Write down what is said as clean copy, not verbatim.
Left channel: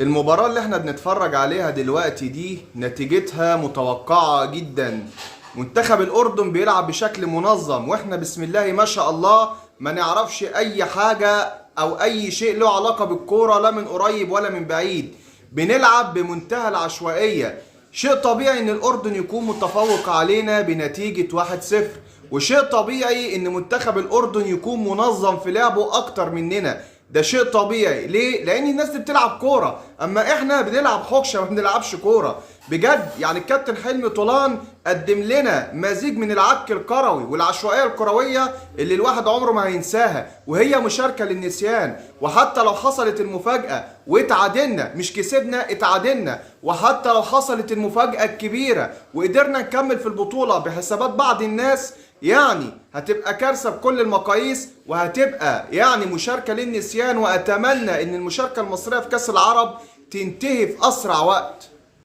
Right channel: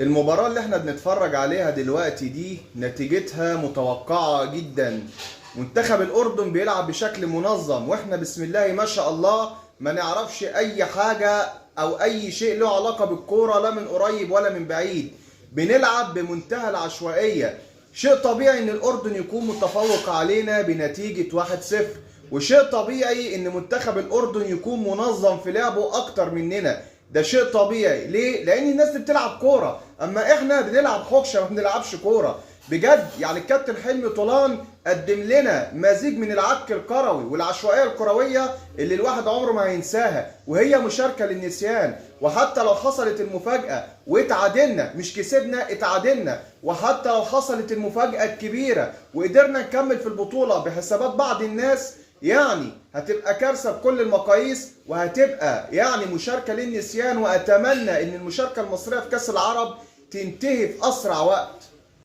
المباراة اللي احنا بنتفرج عليها دلوقتي دي نتيجتها متوقعة جدا. منتخب الأردن بيلعب بشكل منظم، واحنا بسم الله ما شاء الله ما نعرفش أي حاجة أو أي شيء له علاقة بالكورة، لا من قريب ولا من بعيد. بنلعب بمنتهى العشوائية. شيء طبيعي إن الأردن يكون متفوق علينا بنتيجة 1-0، وشيء طبيعي إن منتخب الأردن يكون منظم في لعبه أكتر مننا. ده شيء طبيعي. ليه؟ لان الناس دي بتلعب كوره، اما احنا بنلعب حكشه ما بنلعبش كوره. بجد يعني الكابتن حلمي طولان قدم لنا مزيج من العك الكروي والعشوائيه الكرويه اللي الواحد عمره ما هينساها، وهي مشاركه للنسيان. وحتى لو حصلت المفاجاه واتعادلنا، مش كسبنا، اتعادلنا، وحتى لو حصلت المفاجاه الكبيره وقدرنا نكمل في البطوله بحسابات بعض الناس، يعني هتبقى كارثة بكل المقاييس، وهتبقى يعني مشاركة للنسيان. وأتمنى إن المشاركة المصرية في كأس العرب تنتهي في أسرع وقت.